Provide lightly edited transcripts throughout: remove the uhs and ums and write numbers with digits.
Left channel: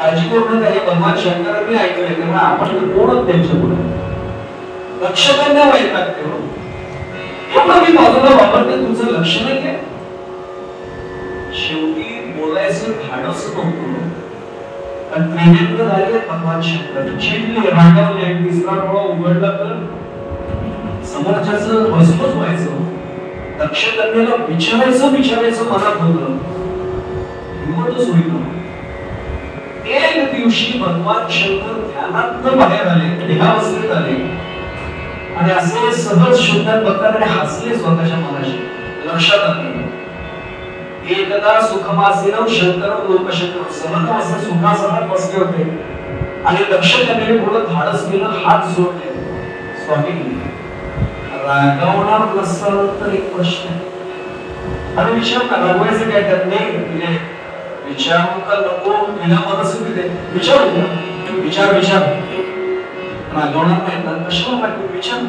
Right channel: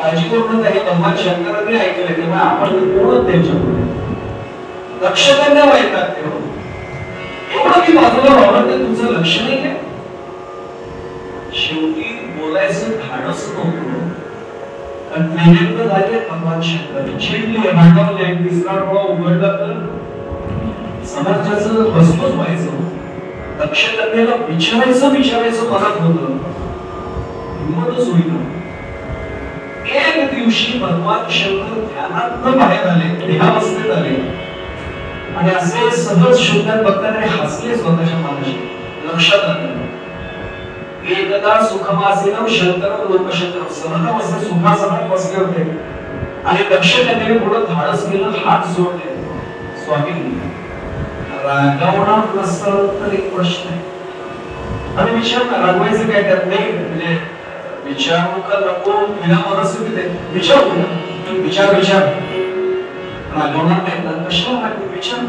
काळजी करू नका. हे भगवान शंकरांनी ऐकलंय तेव्हा आपण कोणच त्यांच्याकडून लक्ष त्यांना वैताग ठेवू. एवढं मी बाजूला वापरलं तुझं लक्ष नाही. शेवटी बोलायचं धाडस नव्हतं. त्रिनेत्र झाले भगवान शंकर. चिडले, रागावले, तिसरा डोळा उघडला तर समाजाचं भस्मच व्हायचं. लक्ष त्यांना विचारायचं मनात होतं. हिंमतच होईल. एक दिवशी भगवान शंकर ध्यानात बाहेर आले, निभावस्थेत आले आणि असे सहज शोधात बघताना हसले स्वतःच्या मनाशी. लक्षात आलं एकदा सुखमासीन शंकर लोकशंकर सहज असे सुखासनात बसले होते आणि लक्ष त्यांनी पुढे धाडस केलं, हात जोडले. स्वामी रागावणार नसलं तर एक प्रश्न आणि विचार ना रागवायचं काय त्यात नाही म्हणजे विचारू का नको तुला मनस विचारू विचार रागवणार नाही तर प्रश्न टाकू विचार.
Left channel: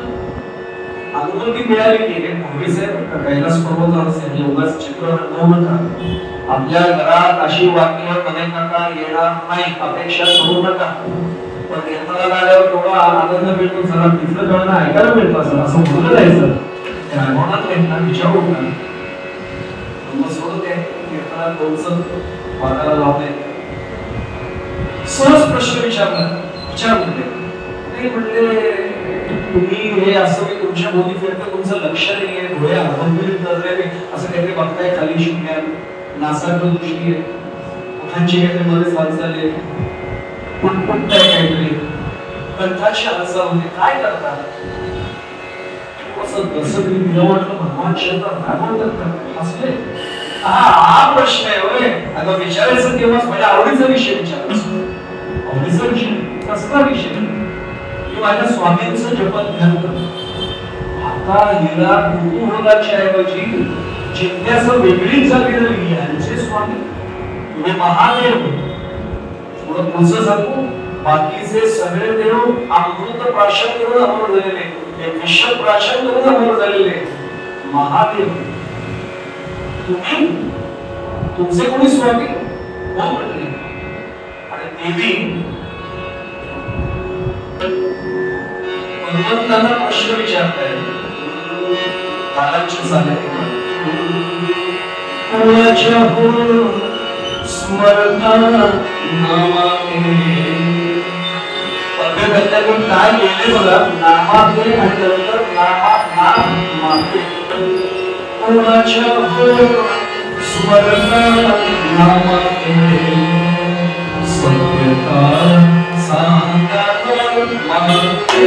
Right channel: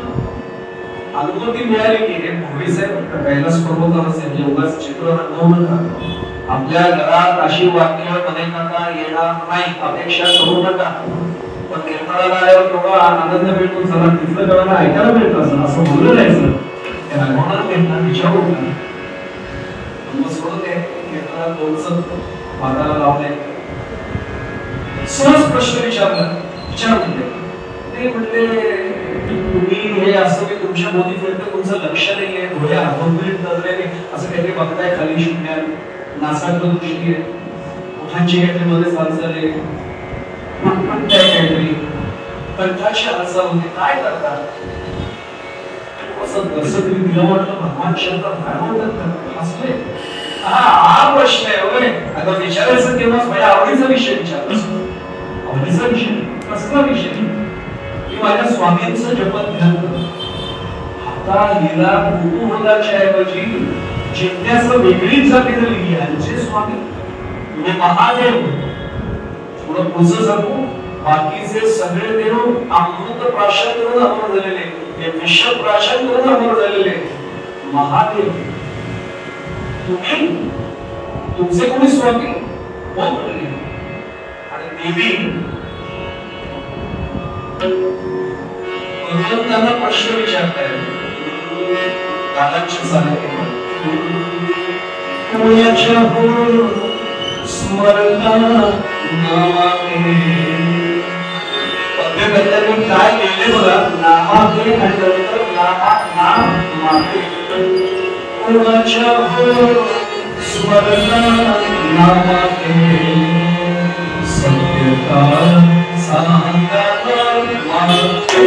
अनुभूती मिळाली की हे भविष्य कैलास पर्वतावर योगाचं चित्र रंगवून आपल्या घरात अशी वाक्य अनेकांना येणार नाही, अपेक्षा करू नका. पण निर्मळा गाड्यावर थोडा आनंद मिळतो, चला तिथलं गाणं ऐकायला मिळतं असं बोललं जायचं. रागवणार घेतला विचारू नका. निर्मळा थोडंसं वाकायला लावलंय. सहज प्रश्न विचारले ते म्हणते तुम्ही हे असं की तुमच्या बोली फिरतं तुमचं लक्ष नाहीये, डोळे आंधळी धरलेले असं काहीतरी बघताय खाली शून्यात, नासाकडे दृष्टी आहे, कुठल्या चेहऱ्यामध्ये चालचाले काहीतरी कंठाची हालचाल होते, काय करतात? जसं तुम्ही तिला म्हटलं भगवान शंकर काय म्हणतात हसले. हा प्रश्न आहे होय. आता विचारायचं तेव्हा माझ्या आवडीचा विषय विचारायचा. आवडीचा विषय कसला विषय? माझ्या स्वामींचं जपत ध्यान आता हिला कुतूहलाच्या ऐवजी जिज्ञासा वेगळीच जागी झाली. यांचे स्वामी म्हणजे महादेव. थोडं पुढचं सांगू बाकीचे सगळे देव अमृत प्राशन करून अमर झालेले, हे विष प्राशन करून अमर झालेले महादेव. तुम्ही तुमचे कोणी स्वामी हो म्हणले आणि देवी भगवंतांना प्रश्न विचारताय बालांच्या सहाय्याने. तुझ्या स्मरणा नामाने अभ्यगतांनी काय केले बघा. नामाने आणि नंतर नामाने तुझ्या स्मरणा नामाने सत्यता सांगता नामाने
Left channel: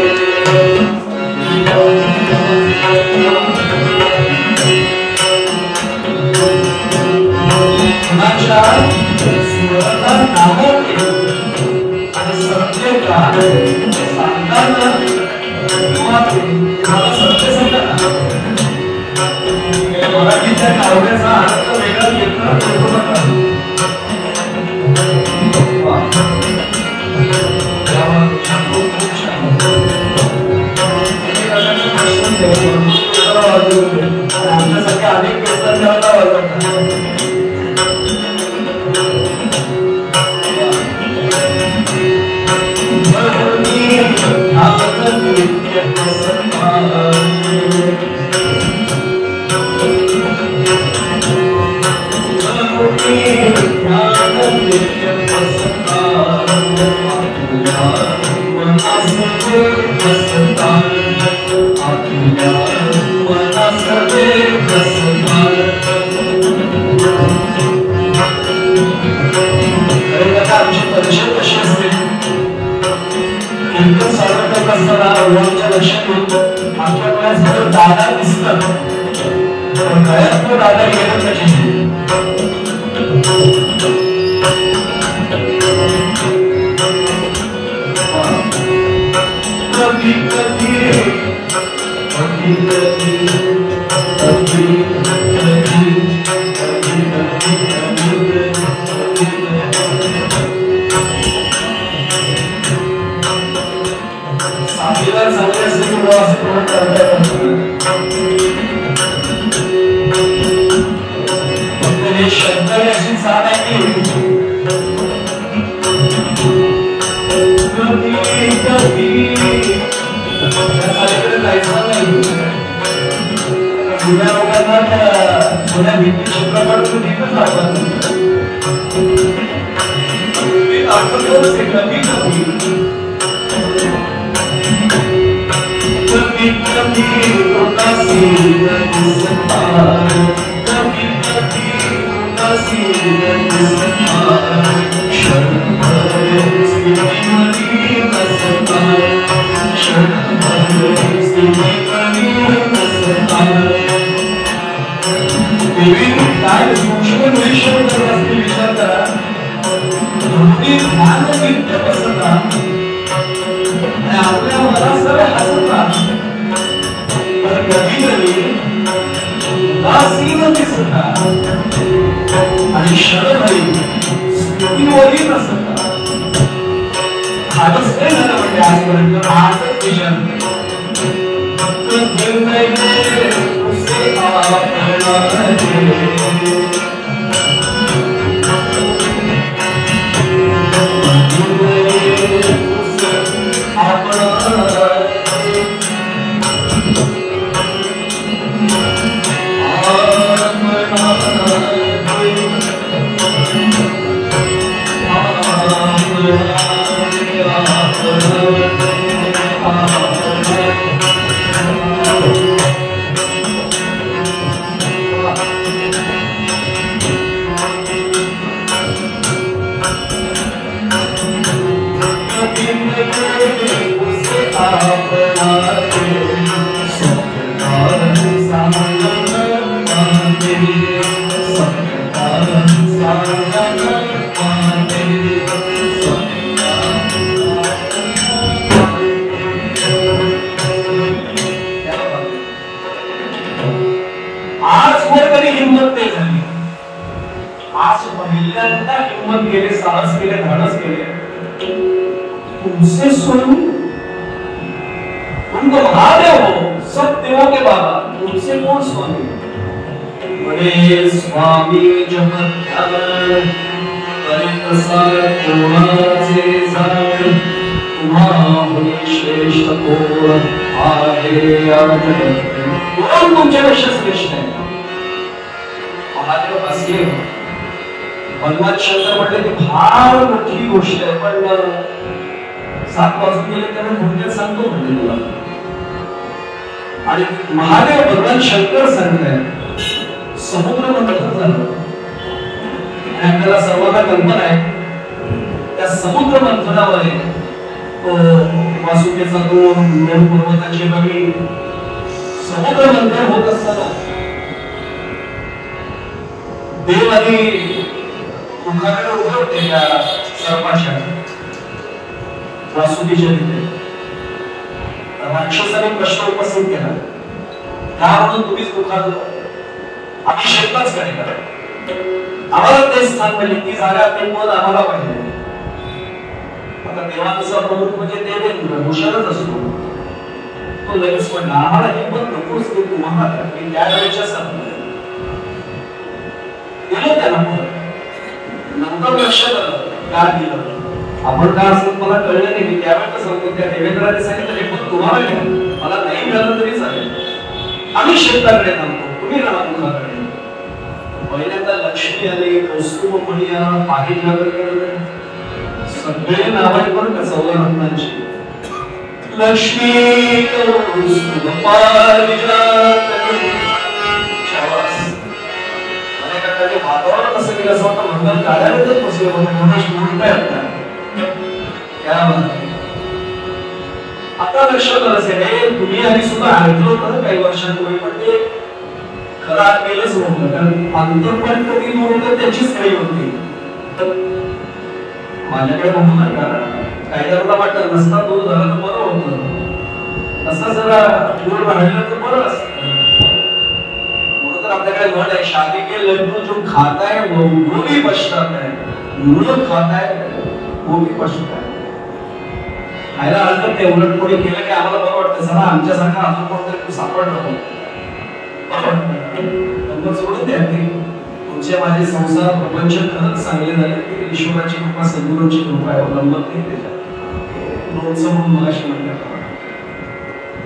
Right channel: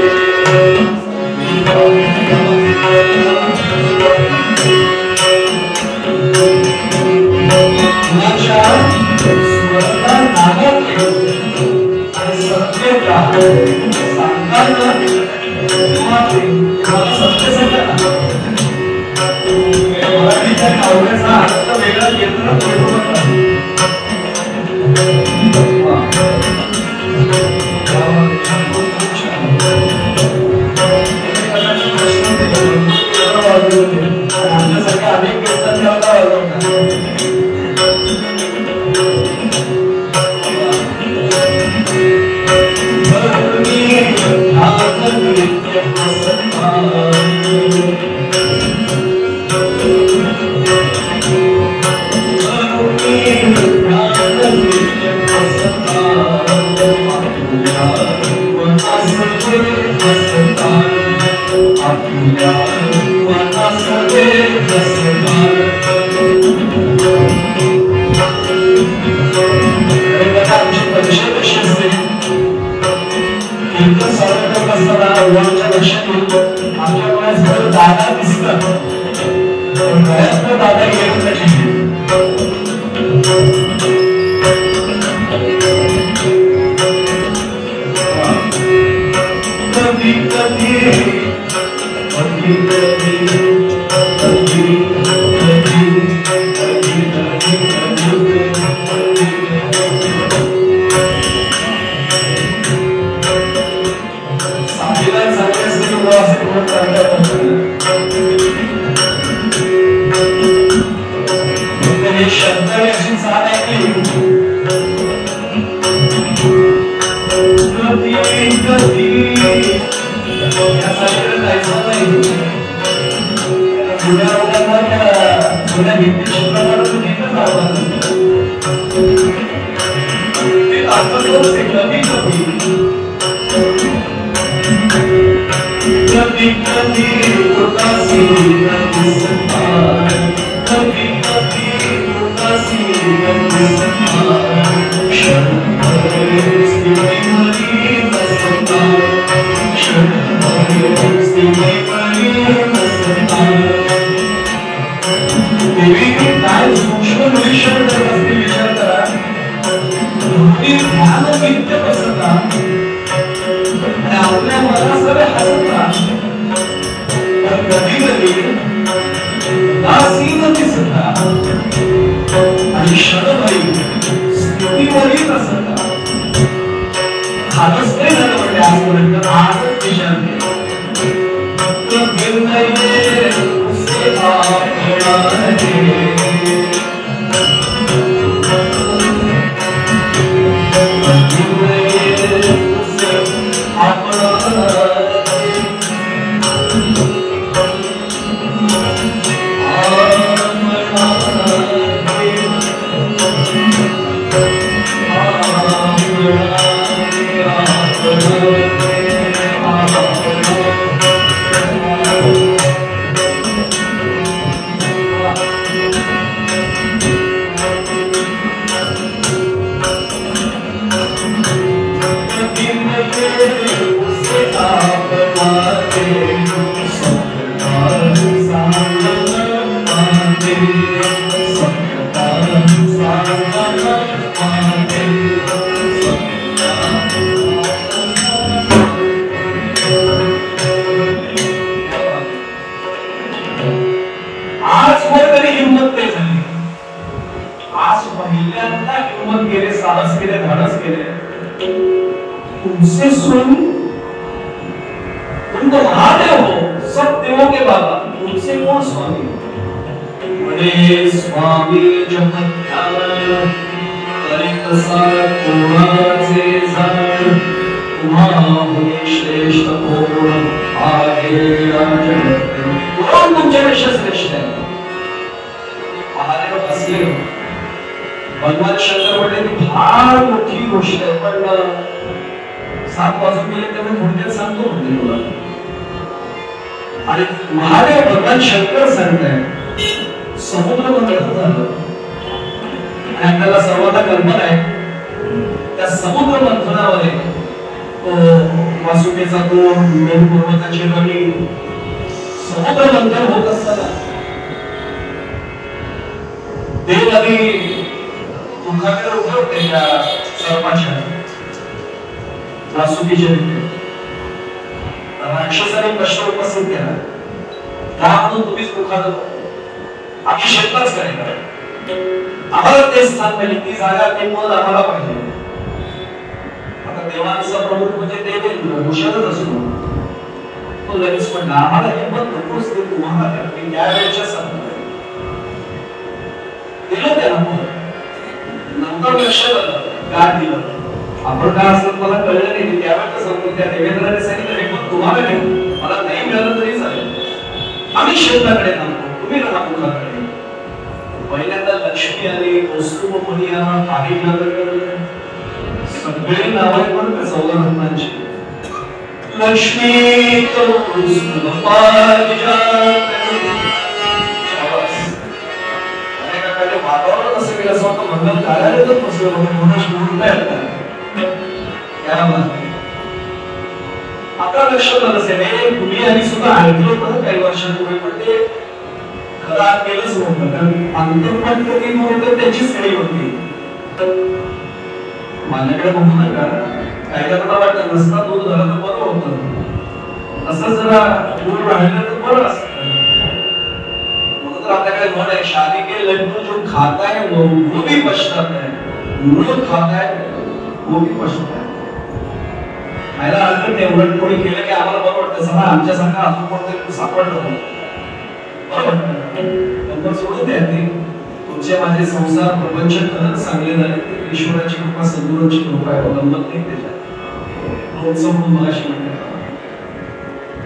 लोणचं म्हणून मगाशी म्हणतात.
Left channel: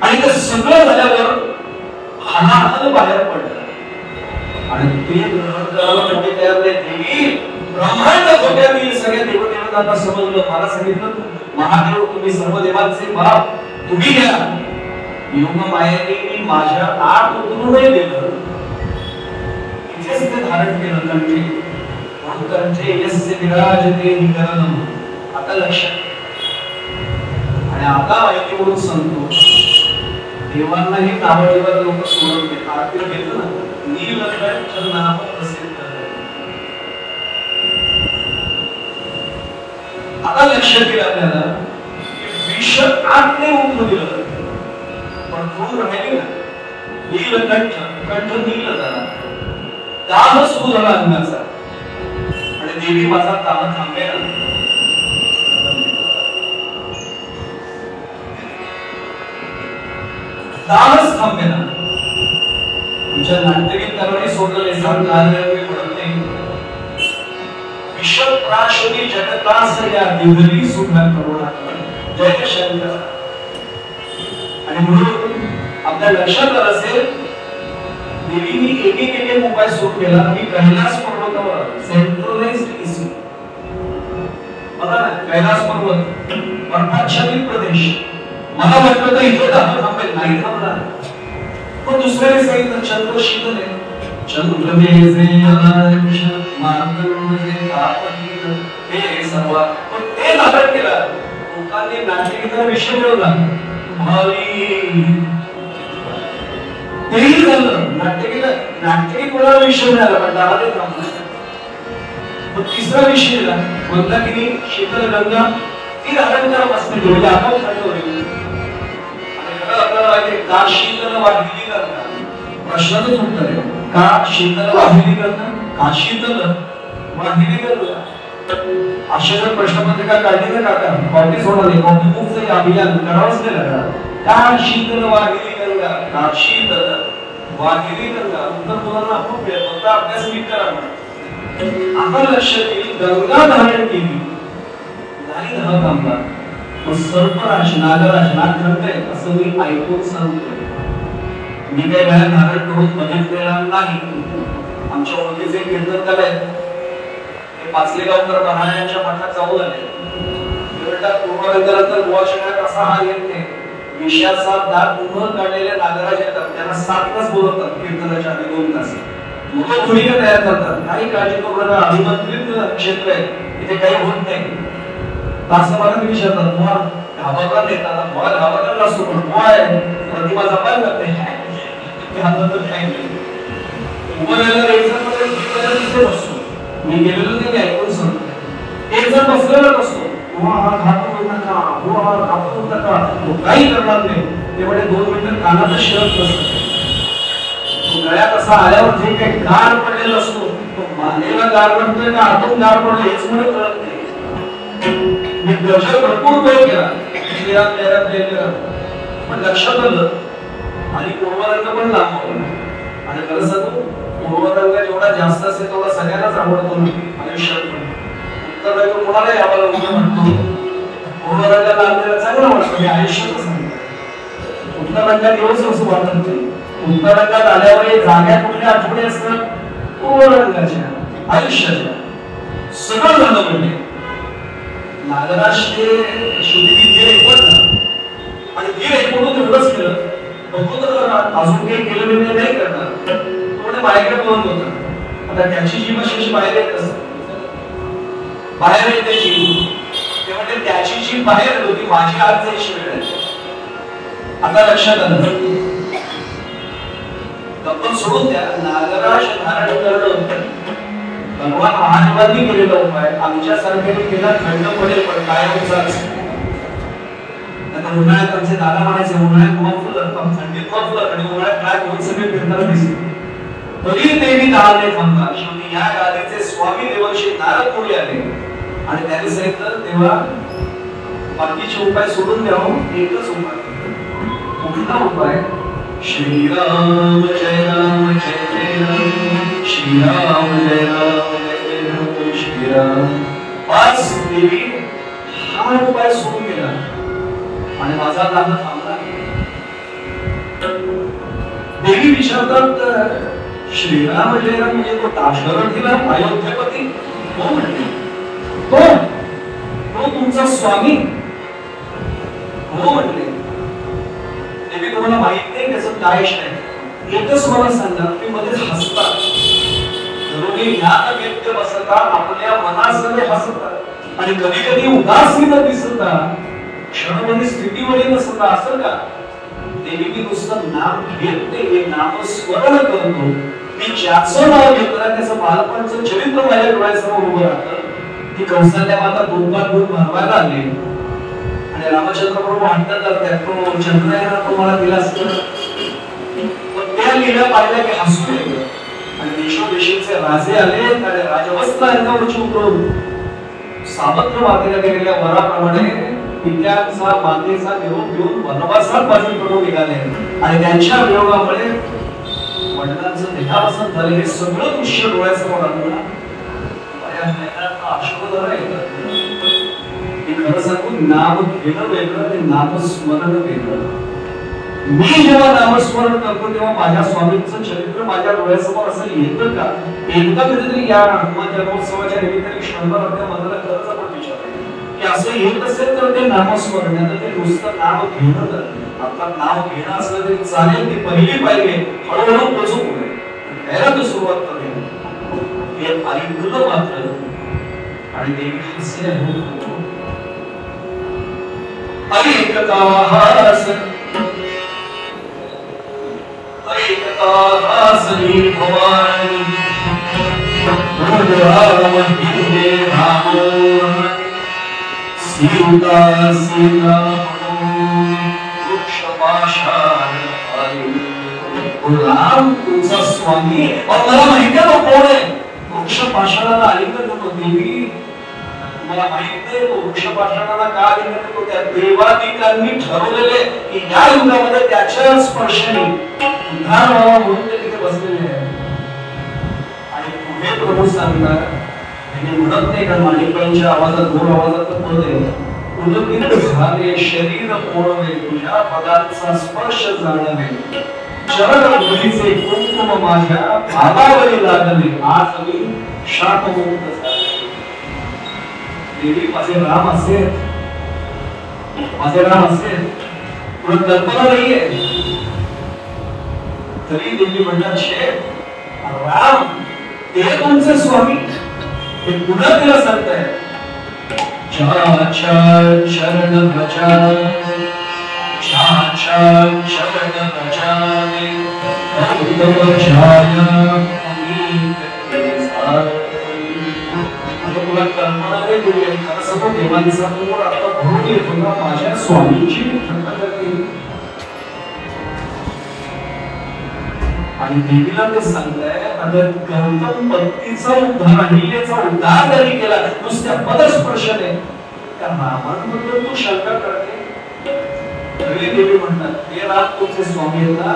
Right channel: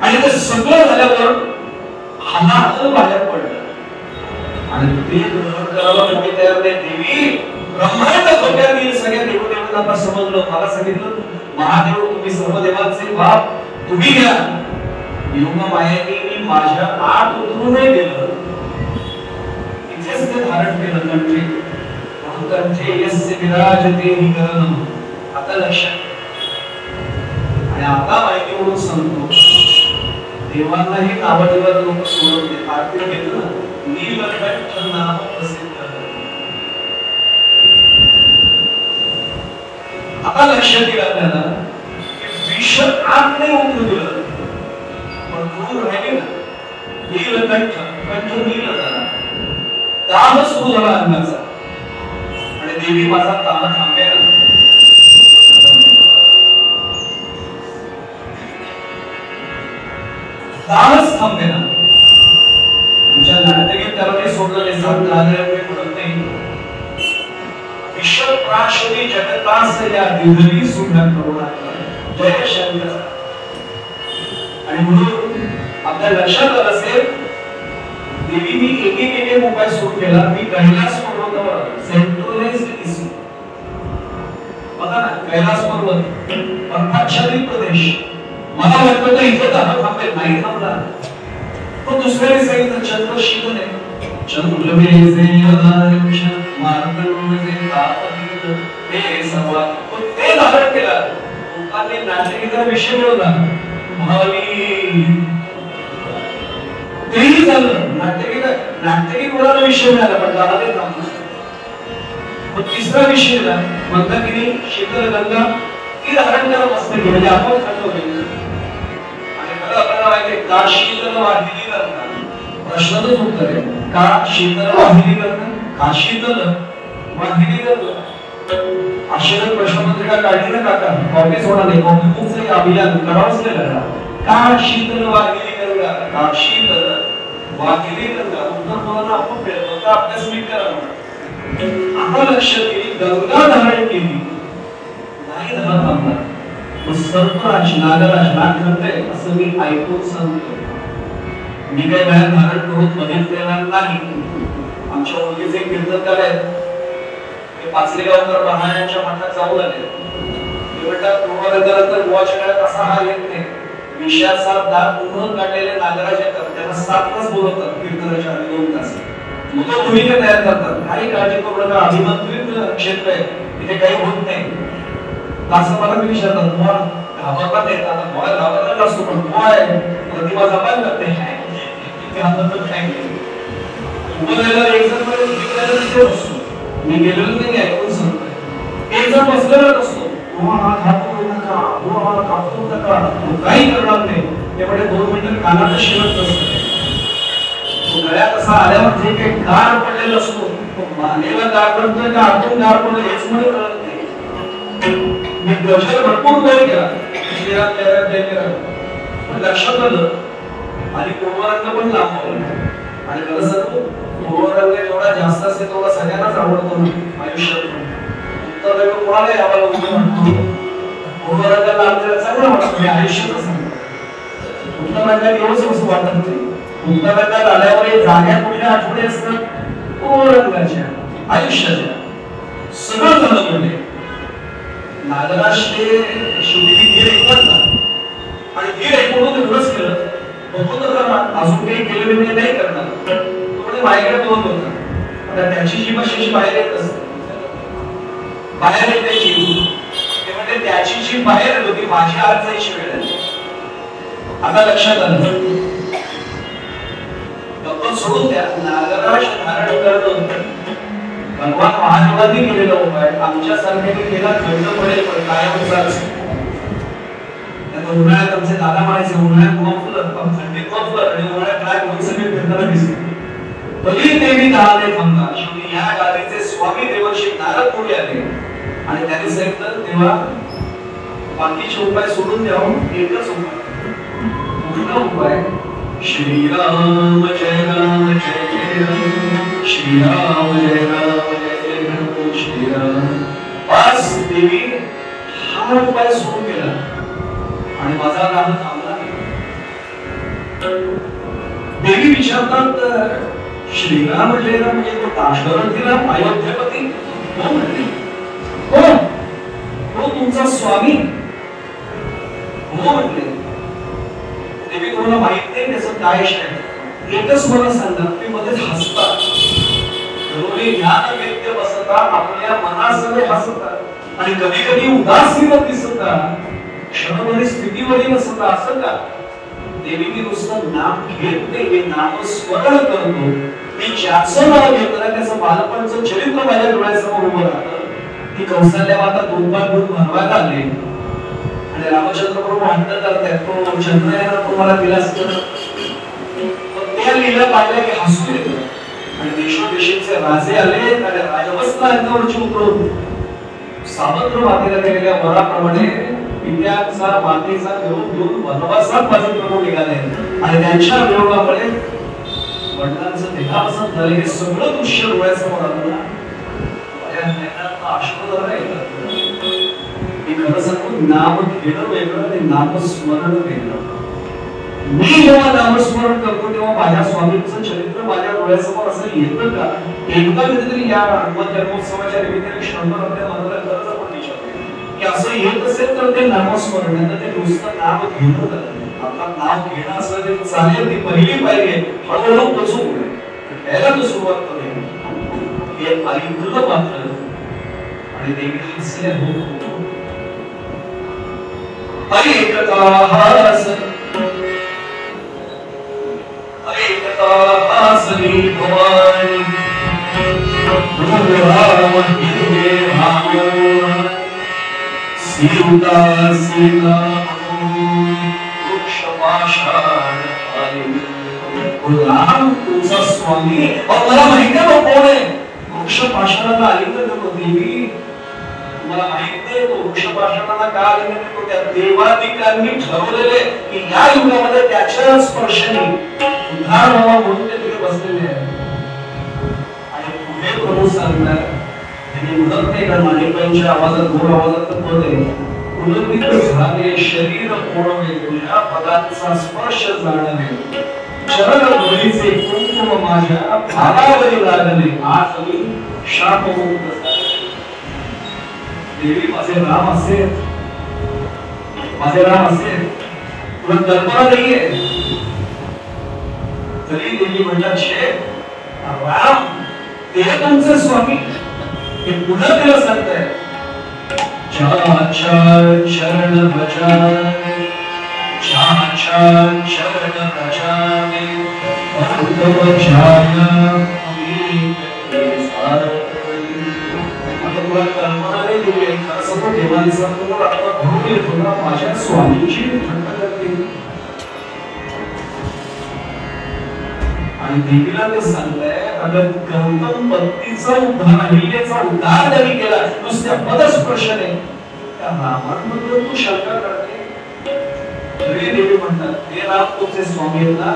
आणि ते सगळं झाल्यावर हातानं बाहेर पडलं आणि ते ग्रहण करायला म्हणजे तयार नाही. देवी ब्रह्मांड धोक्यात सगळ्या देवदेवतांना समजलं. मला सांगितलं महादेव तुम्ही सर्व देवांचे बाप तुम्ही घ्या. योगा मायेने मी माझ्या आत उतरूनही दिलं. इथेच ते धारण केलं म्हणजे कंठे यस्य विराजते निकरणम. आता लक्षात. आणि आता माहिती म्हणून सांगतो देवांनाही नावदेवाला लोक स्मरण देतात. आपण घेतो ना नीलकंठ नाम प्रसिद्ध. आता लक्षात येईल आपल्याला विष आज्ञे उठून गेलं पण दूर राहिली ना. नीलकंठ कंठ नील झाला. दाह सुरू झाला अंगाचा. आणि देवी माझा दाह थांबेल. दाहच थांबेल. तुमच्या नाट्यगीत त्याला सोडलं निजाम झाले नाही. विश्वप्राशनी जगतास या दिवली सुंदर करुणा जय शंकर. आणि म्हणून आपल्या लक्षात आलं असेल देवीने एक उपाय सुरू केला. मी कैलास पर्वतावर सेंट्रलाइज्ड इसी बघा ना कैलास पर्वत अर्धाच्छादित प्रदेश. मला वाटलं तर इथे दाह थांबेल नाही थांबला. पण दुसऱ्याने सांगितलं चंद्र शीतल आहे. चंद्र हे सर्व ते धारण केलं. लोकांनी नाट्यगीताचा विषय मिळवला. तेही झालं. नाट्यगीत कोणाला विषय मिळाला पण गाण्याला थांबला. तो तिसरा विषय झाला मंदाकिनी शीतल गंगा ती धारण करत असते म्हणजे आपण थंड होईल. आणि खरं आपल्याला माहिती का शीतल वाहिली गंगा. प्रश्नाचंच उत्तर आहे का शीतल वाहिली गंगा. का शीतल वाहिली गंगा. आश्चर्य प्रश्नपत्रिका काढली ना काका कॉपी सोडा कॉपीचं एक अभियान करावंच नाही लागणार. का शीतल वाहिली गंगा. का शीतल वाहिली गंगा. उत्तर बोलायला आपण प्रयत्न अभ्यास नीट करा. आता लक्षात येईल गंगा धारण केली नाही झाला थांबला. सर्पराज नागराज नागखंडे असं मी ऐकून सांगतो. मी काही बाहेर धारण करून बघितलेला नाही. आमच्या ओळखीचे कीर्तनकार आहेत ते पाचलेगावकर महाराजांच्या मठात जाऊन आले. पूर्वरंगात गोवा शहरात असा हा येत नाही. विषयाचा दात उभं काढलेल्या नागराज येतात. त्यांना 7 तास बोलवतात कीर्तनाच्या आधी 2 तास. लोक भूमिका तयार करतात. काही काळजी करू नका अभिमंत्रित क्षेत्र आहे तिथे काही होत नाही. असं मला मी विचारतात बुवा घाबरत येतात. बुवा घाबरलेला असतो पण बुवा आहे प्रतिभा जपायला करते. मी गेलेलो की नाही ऐकून सांगतो. एक जण बसलेला असतो काही करणार नाही. तेवढे 2 मिनिट कानात शिरत नसतं. गळ्यात असा आल्यावर जे काही गार पडलेला असतो मानेला गार पडतोय का आतून गार पडलं हेच मला कळत नाही. मी दर्शन भरपूर वेळ केला. लक्षात आलं आणि पूर्वरंग पण लांब. आणि मला सांगतो पूर्वरंग जेवढा जास्त असेल तेवढा सगळ्यांनाच आवडतो आयुष्यात. तर तुम्हाला याला पूर्वरंग लांब चांगला वाटतं. मी आयुष्यातच सांगतो उत्तरांगात एवढंच वाटत नाही. उत्तरांगात आल्यावर जाग्यात कुठे आठवडे असतात पूर्वरंगाच्या आयुष्यात सगळं झालं. म्हणजे नागराष्ट्रीय शेवटी धीर एकवटला आणि धीर एकवटून एवढंच केलं. अजून काही केलं म्हणजे नाही करणार. पुढे बाहेर बोलत होता त्याची जीभ अशी बाहेर येत असते. बाहेर येते जीभ ते म्हणजे त्याची जीभ बाहेर येत होती. माझी आज जायची वेळ आहे. आता लक्षात आलं सोडून द्या. नागराज धारण करणं भगवान महादेवांनी केलेला उपाय आमच्यासारख्याने केला थंड पडेल पण काय नुकसान. उन्हाळ्यात आमचे दादा म्हणायचे उन्हाळ्यात मग थंडीत मग आणि उन्हाळ्यात काय म्हणून सगळे फिरताना दिसले. तरी देवी दादा थांबला. शेवटी या गादीचे स्वामी देवर्षी नारद पुढे आले आणि त्यांनी सांगितलं तेव्हा बाकीचे उपाय सोडून द्यावं. एकच उपाय उपाय श्रीराम जय राम जय जय राम श्रीराम जय राम जय जय राम श्रीराम. आज देवी हा उपाय सुरू केला. माझा नाद थांबला. देवी विचारतात श्रीराम जयराम म्हणजे तो काशगरतीला अयोध्येपती कोण म्हटले? कोण? तो तुमचा स्वामी हो म्हटले. देवी तुम्हाला माहित नाही त्याचं काय आहे? एकच मला सांगा. तुम्ही मध्येच हसता. जरुरी ध्यान व्यक्त बसता आपल्या मनासह हसता आणि कधी कधी उदासीन दिसता क्षणभरी स्थितीमध्ये नसता. असं का? देवी मी नुसतं नाम घेत नाही, हे नाम स्मरण करतो. मी ज्याचं नाव घेतलं त्याचं बालपणचं चरित्र माझ्या डोळ्यासमोर उभं राहतं. की कौशल्या माता दुर्गा दूर धर्माला आली आणि रामचंद्र प्रभू म्हणतात तो चंद्रायना तुम्हाला दिला असतं. त्या लीला पाहिल्या की हसू येतं आणि देशोदेशीचे राजे आले आणि राजवस्त्र अंगावरची उतरून सामंत मातेला गेलेल्या वराप्रमाणे पित्याचा मातेचा घेऊन घेऊन वनवासात माझे प्रभू निघाले आणि त्यांच्या विरोधामुळे वडिलांचं देहावसन झाले. हे सगळं दृश्य डोळ्यासमोर आलं. नाम घेणं वेगळं ते नामस्मरण वेगळं. मी जेव्हा नामस्मरण करतो तेव्हा माझ्या स्वामींचं चरित्र माझ्या डोळ्यासमोर असं येतं का? एकदा कधीतरी या जन्मोत्सवाच्या निमित्ताने क्षणभर आपल्या मनाला खरंच आपण विचारतो की असं येत असेल तर ते नामस्मरण आहे. ते नुसतं नाम घेणं करत. आता नाम घेणं असं ते चालेल. ती पहिली पाहिजे हळूहळू बसून घ्यायला तो सुरुवात करेल. हे परिपूर्ण मात्र आणि देवी हसले होतो. ऐकता हसली भवानी राम हिंदे रामो सीता सीता वृक्ष पाषाण राम तुझा स्वामी. मला माहिती आहे कोण आहे. वृक्ष पाषाणाला आलिंगन करतो देवी. मला माहिती आहे तो वृक्ष पाषाणाला का आलिंगन करतो. त्या देवादिकांनी ठरवलेले की या युगामध्ये त्याच्या स्पर्शाने उद्धार व्हावा म्हणून ते तिथे बसलेले आहे. आणि पुढे प्रभू सांगणार त्यांनी उडत नाही कारण मालिकांच्या आवाजात दोन आवाजात होते. पुलकित झाले शरीर पोळवे तुझ्या पदांचा स्पर्श जाणवे चरण धुळीचे कुंकुम माझ्या भावावरी लागले आज मी शापमुक्त. देवी माझे राम असेल माझे राम असेल तुला कल्पना नाहीये तरी देवी म्हणतात शे राम ते तुमचे स्वामी. हे पुन्हा तिला सांगताय शरण भजा शरण भजावे माझ्या स्वामीची आणि देवीला ते सांगताय अगर गौतम भक्तीचा उद्धार हिलेचा उद्धार जरी केला नुसत्या पदस्पर्शाने त्या नामांमध्ये तू शंका करते. तरी देवी म्हणतात हे रात तुमचे स्वामी होता.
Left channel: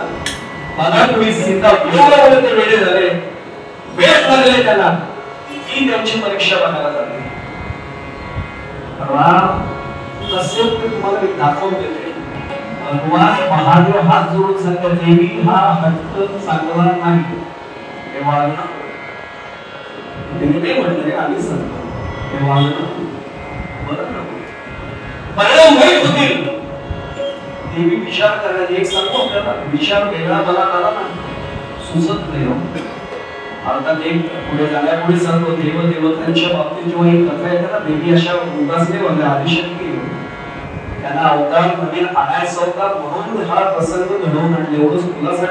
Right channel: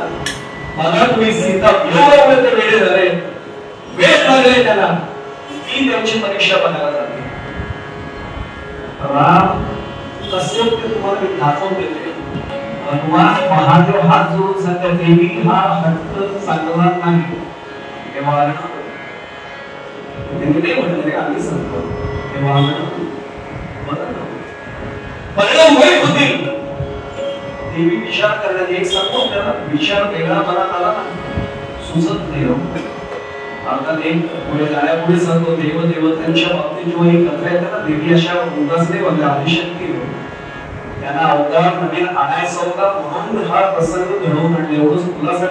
बघा तुम्ही सीता वियोगामध्ये ते वेडे झाले वेळ लागले त्याला. मी त्यांची परीक्षा बघायला लागली. राम कसे तुम्हाला दाखवून देते. भगवान महादेव हात जोडून सांगतात देवी हा हट्ट चालणार नाही. हे वागणं ते म्हटले आम्ही सांगतो हे वागणं परिणाम वाईट होतील. देवी विचार करण्यात एक सांगतो त्याला विचार वेगळा मनात आला सुचत नाही. आता ते पुढे जाण्यापुढे सांगतो देवदेवतांच्या बाबतीत जेव्हा ही कथा येते ना देवी अशा उदास नाही होत्या आदिशक्ती त्यांना अवतार मध्ये आणायचा होता म्हणून हा प्रसंग घडवून आणले. एवढंच खुलासा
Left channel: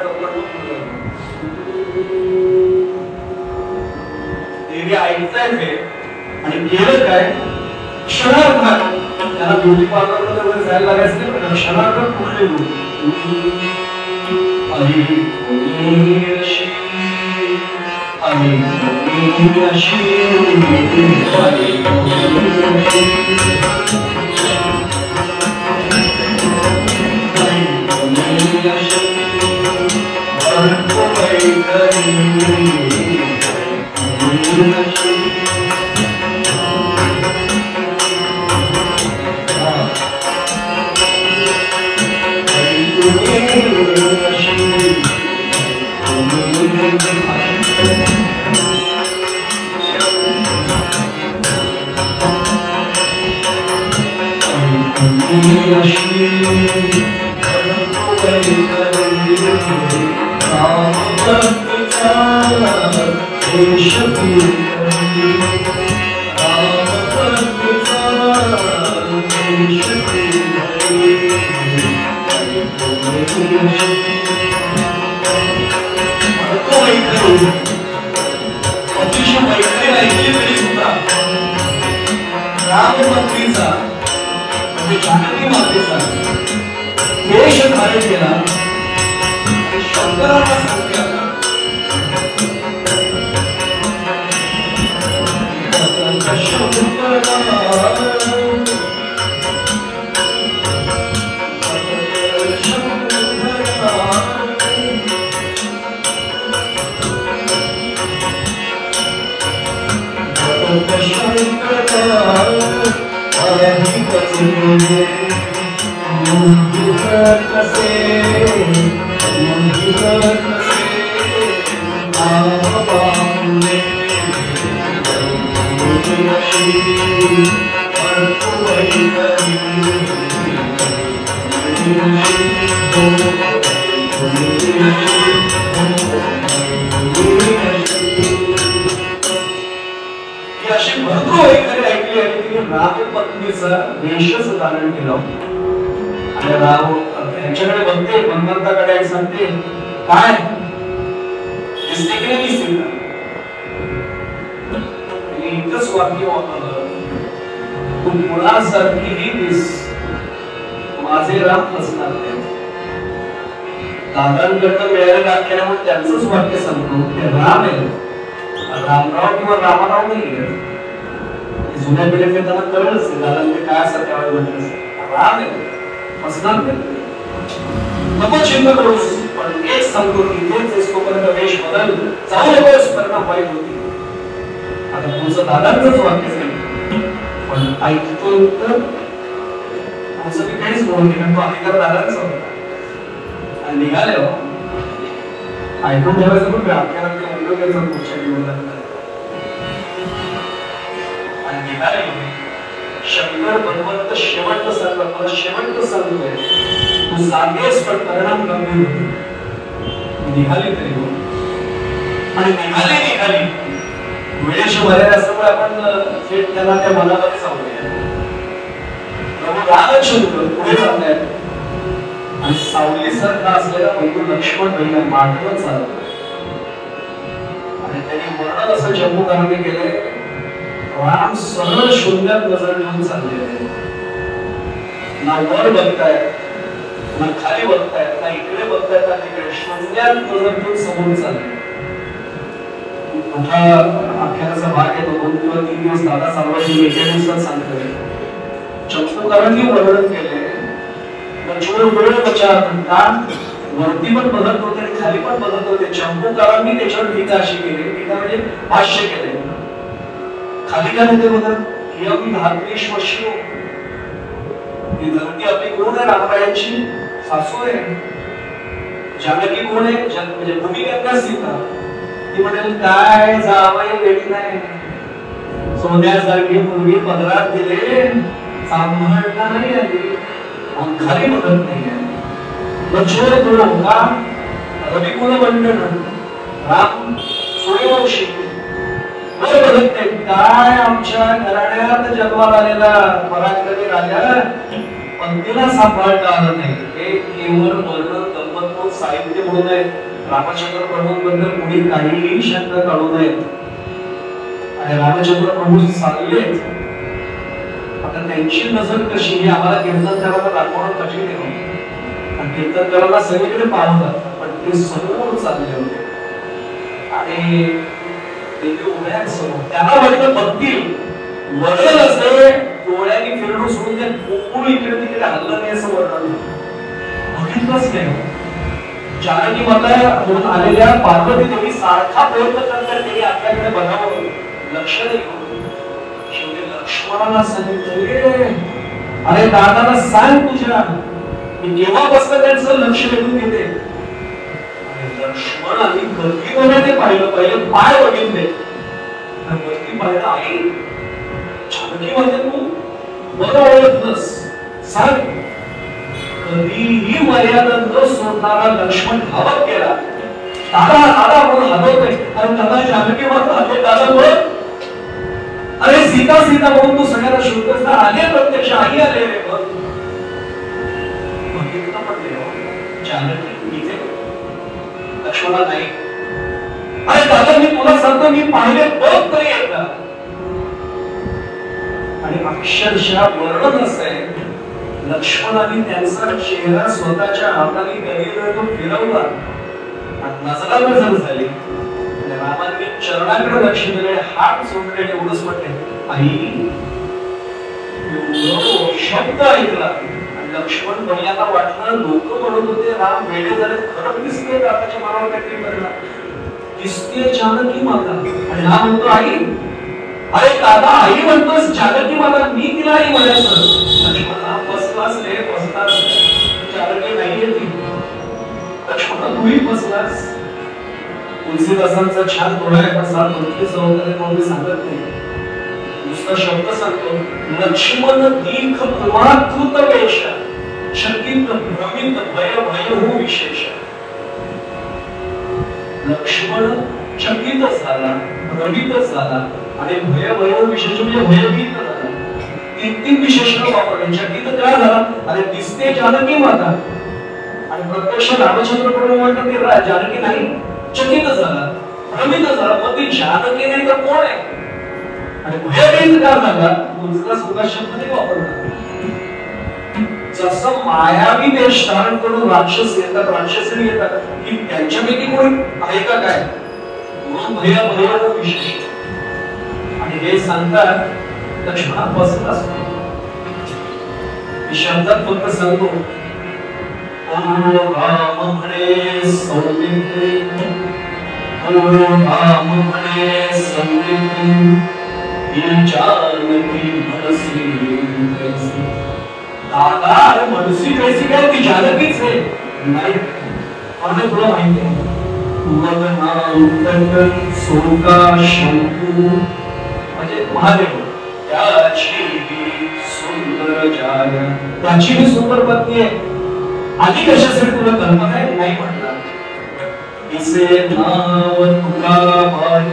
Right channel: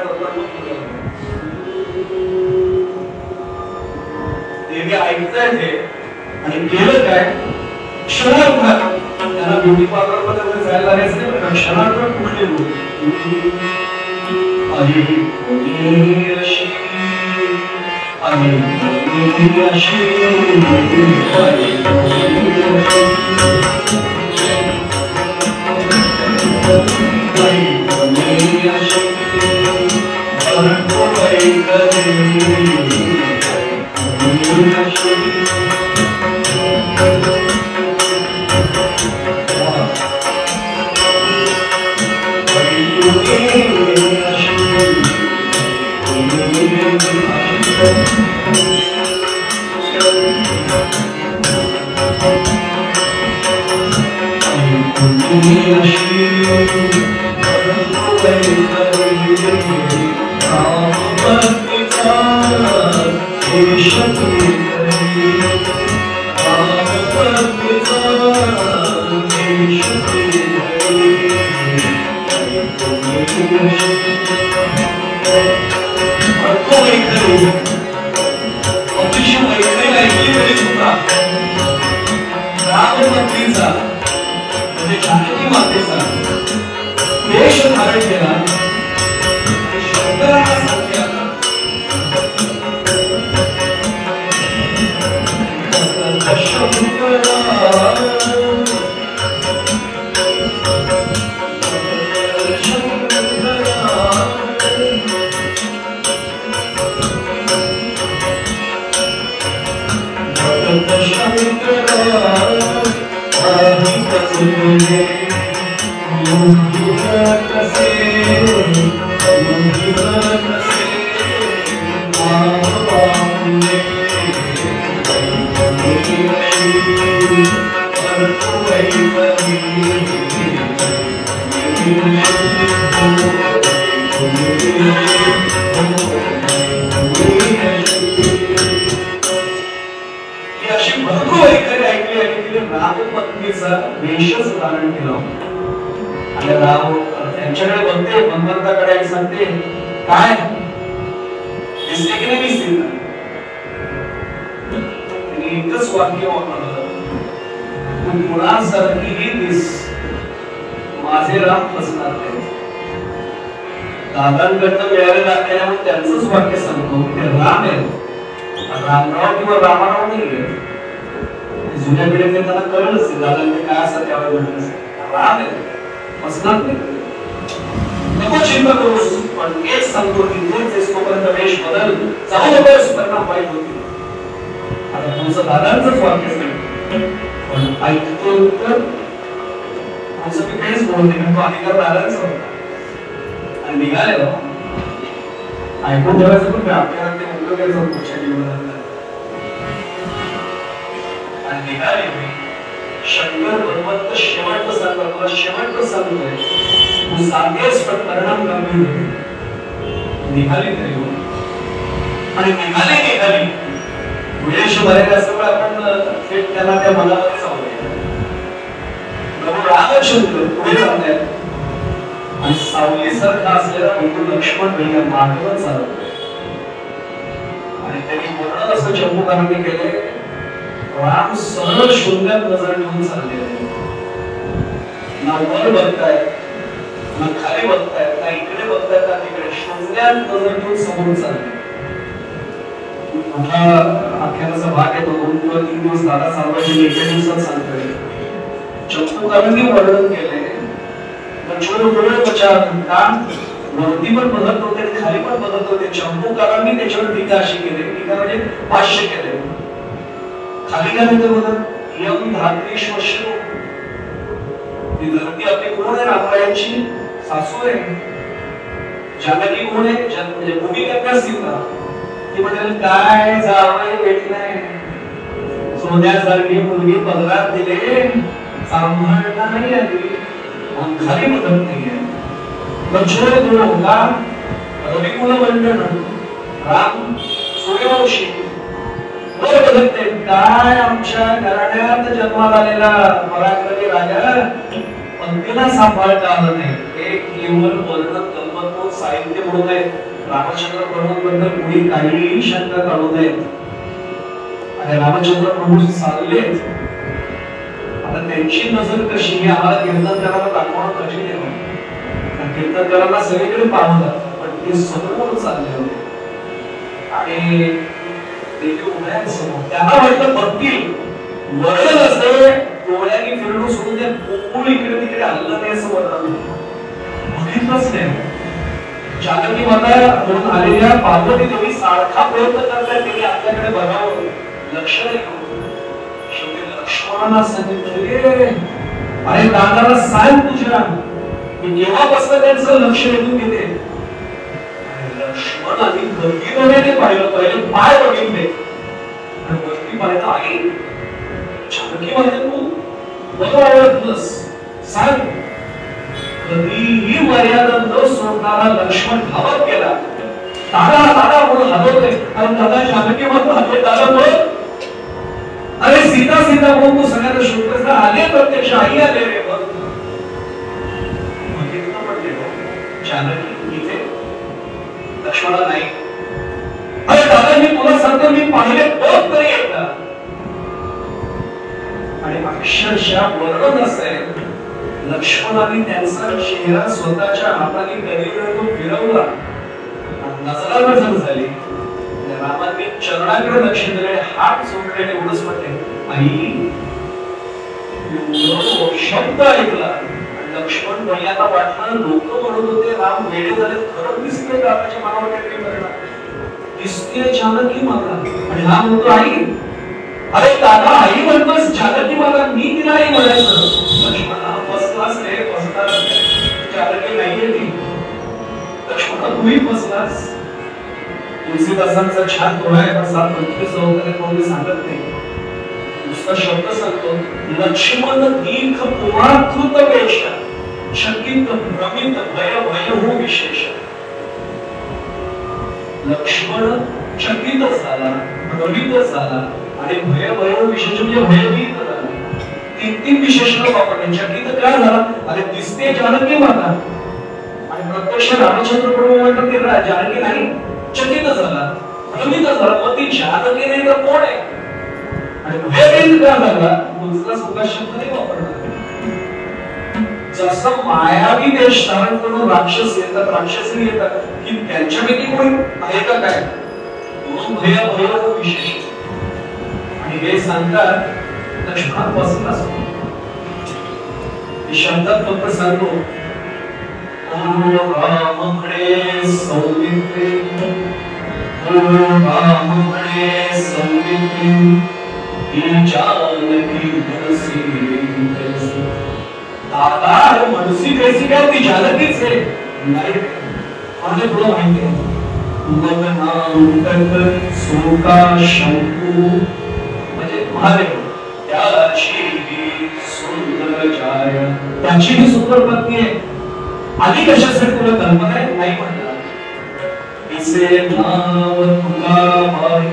देवी ऐकताय ते आणि केलं काय क्षणार्धात त्याला ब्युटी पार्लर मध्ये जायला लागायचं नाही पण क्षणार्धात पुढे केव्हापासून त्यांचं लक्ष वेधून येते. लक्ष्मणाने कधीमध्ये ते पहिलं पाय बघितले, वरती पाहिलं आई जानकी माझ्या तू बरं ओळखलंस, सांग. कधीही मर्यादा न सोडणारा लक्ष्मण धावत गेला. दादा दादा म्हणून हलवतोय, कारण दादा जानकी माता हलवत दादा म्हणून, अरे सीता सीता म्हणून तू सगळ्यांना शोधतोस ना, आले प्रत्यक्ष आई आले रे बघ. जानकी इथे, लक्ष्मणा नाही. अरे दादा मी तुला सांगतो, मी पाहिले बघ तरी एकदा. आणि अक्षरशः वर्णन असते, लक्ष्मणाने त्यांचा चेहरा स्वतःच्या हाताने गरीकडे तो फिरवला, नजर नजर झाली. रामाने चरणाकडे लक्ष दिले, हात सोडले, एवढंच म्हटले आई. शब्द ऐकला. लक्ष्मण भैयाला वाटलं, लोक म्हणत होते राम वेडे झाले, खरं दिसते दादाची मला वाटत दिसते जानकी माता. आणि हा म्हणतो आई. अरे दादा आई म्हणतोस जानकी माता, मी तिला आई म्हणायचं. लक्ष्मणा फसलास रे, फसलास. जानकी नाहीये ती. लक्ष्मणा तूही फसलास. तुलसीदासांचा छान पोळा आहे, असा वगैरे सांगत नाही, दुसरा शब्द सांगतो. लक्ष्मण दीर्घ कुमारकृत पेश शकीत भ्रमित भय भय हो विशेष. लक्ष्मण चकित झाला, भ्रमित झाला आणि भय भय हो विशेष म्हणजे भयभीत झाला. तीन विशेषण वापरले. चकित काय झाला, अरे दिसते जानकी माता, आणि प्रत्यक्ष रामचंद्र प्रभू म्हणतात की जानकी नाही. चकित झाला, भ्रमित झाला, मग ती जानकी नाही तर कोण आहे. आणि भयभीत का झाला, दुसरा सुद्धा शब्द नाही वापरला. जसं मायावी देश धारण करून राक्षस येतात, राक्षसी येतात, की त्यांच्यापैकी कोणी आहे का काय, मग भय भय हो विशेष. आणि हे सांगतात लक्ष्मणापासून शब्दात फक्त सांगतो. रामणे सौमित्रे, रामणे सौमित्रे, जानकी मनसी कैसी. दादा मनसी कैसी काय, ती जानकीच आहे. नाही, मला तुला माहिती आहे. सोका शंकू म्हणजे महादेव, त्याची सुंदर जाय, त्याची ही सुंदर पत्नी आहे. आधी कशासाठी तुला कल्पना आहे नाही म्हटला. इसे नाव तुकाबाई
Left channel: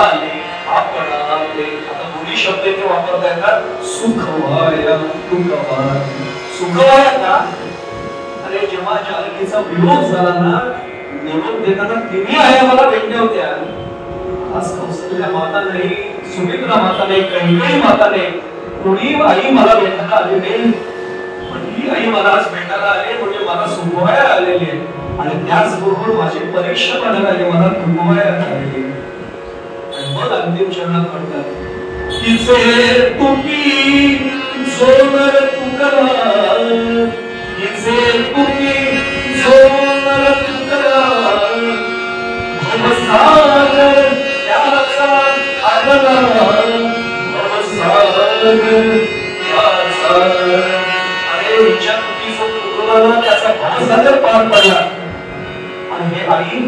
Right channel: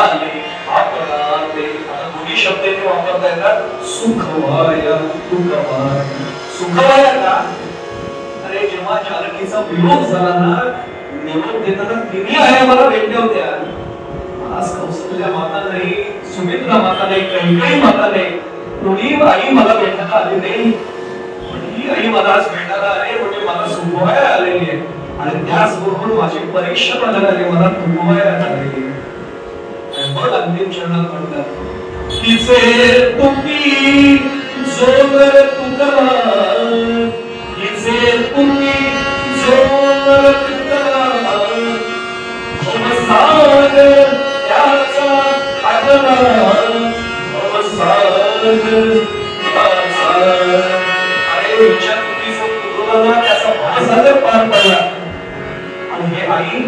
आले आपणाते. आता दोन्ही शब्द इथे वापरता येतात. सुखवाया तुकाबाई. सुखवाया का, अरे जेव्हा जानकीचा वियोग झाला ना, निरोप देताना तिन्ही आया मला भेटल्या होत्या. आज कौसल्या माता नाही, सुमित्रा माता नाही, कैकेयी माता नाही, कोणी आई मला भेटायला आली नाही. ही आई मला आज भेटायला आली म्हणजे मला सुखवाया आलेली आहे. आणि त्याचबरोबर माझी परीक्षा बघायला आली, मला तुकवाया आलेली. मग अंतिम चरणात म्हणतात, तिचे तुकी जोर तुकला, तिचे तुकी जोर तुकला, नमस्कार त्याचा आदरा, नमस्कार त्याचा. अरे विचार तुकी जो तुकला त्याचा भासाचा पार पडला. आणि हे आई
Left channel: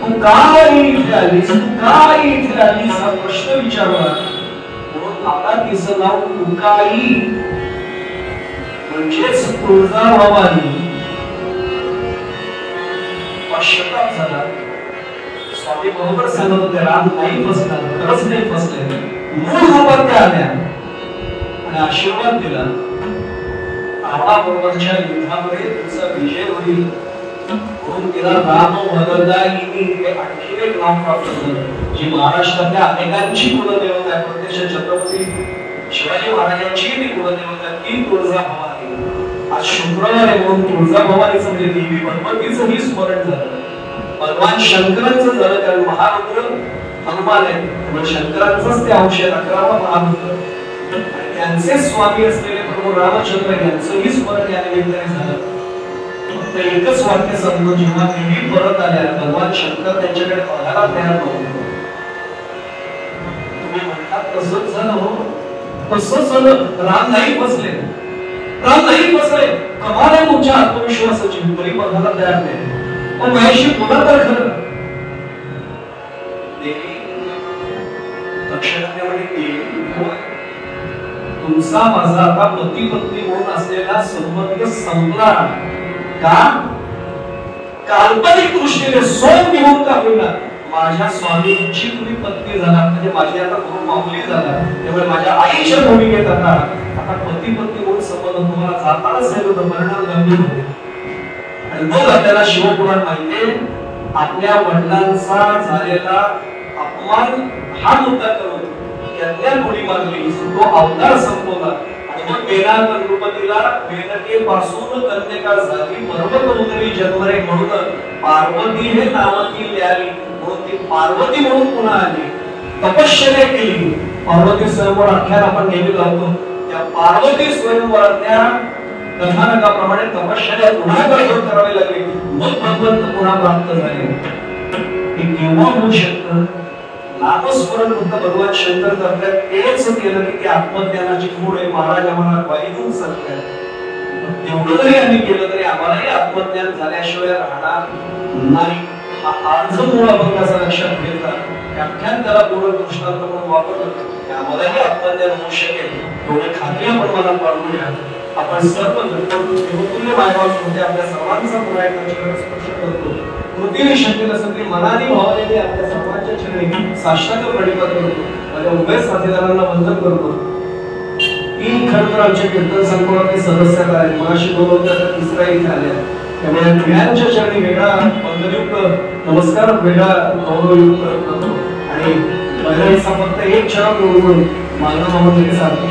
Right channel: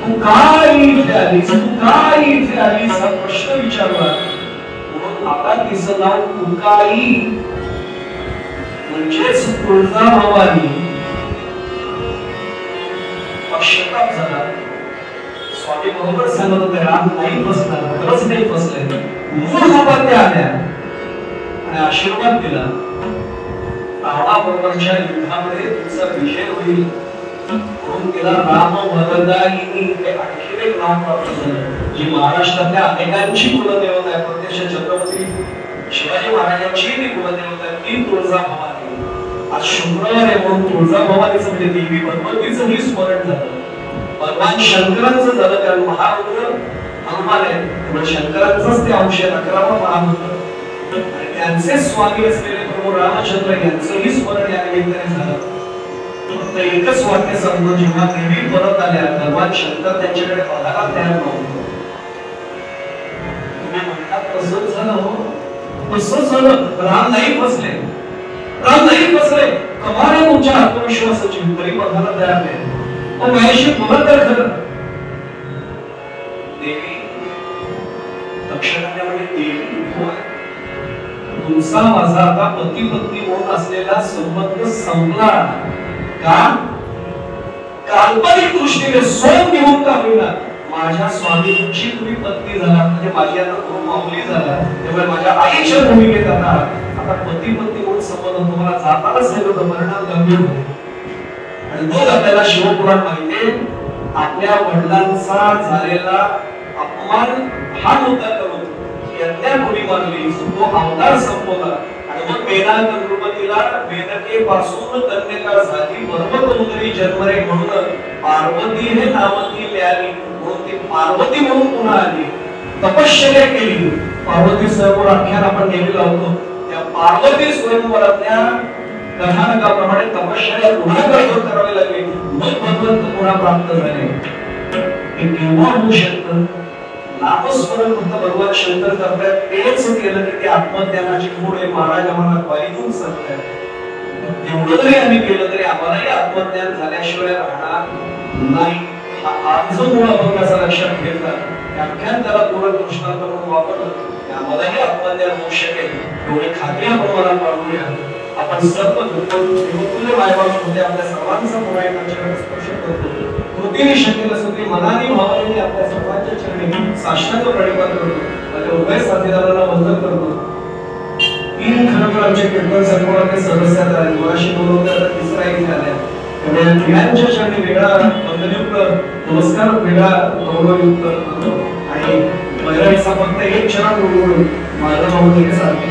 तू काय इथे आलीस, तू काय इथे आलीस हा प्रश्न विचारला. आता तिचं नाव तुकाई म्हणजेच तुळजाभवानी. पश्चाताप झाला. स्वामी बरोबर सांगत होते राम नाही फसला, खरंच नाही फसले. मूळ रूपात त्या आल्या आणि आशीर्वाद दिला. रावणाबरोबरच्या युद्धामध्ये तुमचा विजय होईल म्हणून तिला राम भगदायिनी हे आणखी एक नाव प्राप्त झालं, जी महाराष्ट्रातल्या अनेकांची कुलदेवता आहे. प्रत्यक्ष छत्रपती शिवाजी महाराजांची ती कुलदेवता ती तुळजाभवानी. आज शुक्रवार आहे म्हणून तुळजाभवानीचं म्हणजे देवी भगवतीचंही स्मरण झालं. भगवान शंकरांचं झालं, कारण महारुद्र हनुमान आहे, शंकरांचाच ते अंश आहे, 11वा महारुद्र. त्यांचे स्वामी असलेले प्रभू रामचंद्र यांचंही स्मरण या निमित्ताने झालं. एकच वाक्य सांगतो, जेव्हा देवी परत आल्या भगवान शंकर त्यांच्याकडे बघायला तयार नव्हते. तुम्ही म्हणतात तसंच झालं, तसंच झालं. राम नाही फसले, राम नाही फसले. कमाल आहे तुमच्या आत्मविश्वासाची, तरी बदलायला तयार नाही. पण माझ्याशी बोला तर खरं. देवी नक्षत्रामध्ये देवी तुमचा माझा आता पती पत्नी होत असलेला संबंध संपला का? काल्पनिक दृष्टीने सोन घेऊन का होईना माझ्या स्वामींची तुम्ही पत्नी झाला, म्हणजे माझी आता खूप मामुली झाला. त्यामुळे माझ्या आईच्या भूमिकेत आता पती पत्नी होऊन संबंध तुम्हाला जाता असेल तर परिणाम गंभीर होईल. आणि मग आपल्याला शिवपुराण माहितीये, आपल्या वडिलांचा झालेला अपमान हा मुद्दा करून यज्ञा मुली मारली, तो अवतार संपवला. आणि मग मेरा गणपतीला वेदकेपासून कन्यका झाली, पर्वतोदरी जन्मरे म्हणून पार्वती हे नावाची मिळाली, म्हणून ती पार्वती म्हणून पुन्हा आली. तपश्चर्या केली. पार्वती स्वयंवर आख्यान आपण नेहमी लावतो, त्या पार्वती स्वयंवरातल्या कथानकाप्रमाणे तपश्चर्या पुन्हा करावी लागली, मग भगवंत पुन्हा प्राप्त झाले. हे केव्हा होऊ शकतं? नामस्मरण फक्त भगवान शंकर करतात, तेच केलं की ते आत्मज्ञानाची पुढे महाराज आम्हाला वाईदून सांगतात. एवढं जरी आम्ही केलं तरी आम्हालाही आत्मज्ञान झाल्याशिवाय राहणार नाही. आज मुळे आपण असं लक्षात घेतला, व्याख्यान त्याला पूर्ण दृष्टांत म्हणून वापरतो, आम्हालाही आत्मज्ञान होऊ शकेल एवढं खात्री प्रमाणात पाळूया. आपण सर्व गुरुकुले मायबाप म्हणजे आपल्या सर्वांचा मायेचा स्पर्श करतो. कृतीने शक्य असेल की मनाने भावनेने आपल्या सर्वांच्या चरणी साष्टांग प्रणिपात करतो. माझ्या उभय साथीदारांना बंद करतो. तीन खरं आमचे कीर्तन संकुलाचे सदस्य आले, मगाशी दोन होते, आता तिसरा इथे आले. त्यामुळे प्रियांच्या चरणी वेगळा वंदनयुक्त नमस्कार, वेगळा गौरवयुक्त करतो. आणि भैरवीचा फक्त एक क्षण उडवून माझं म्हणून एक साथ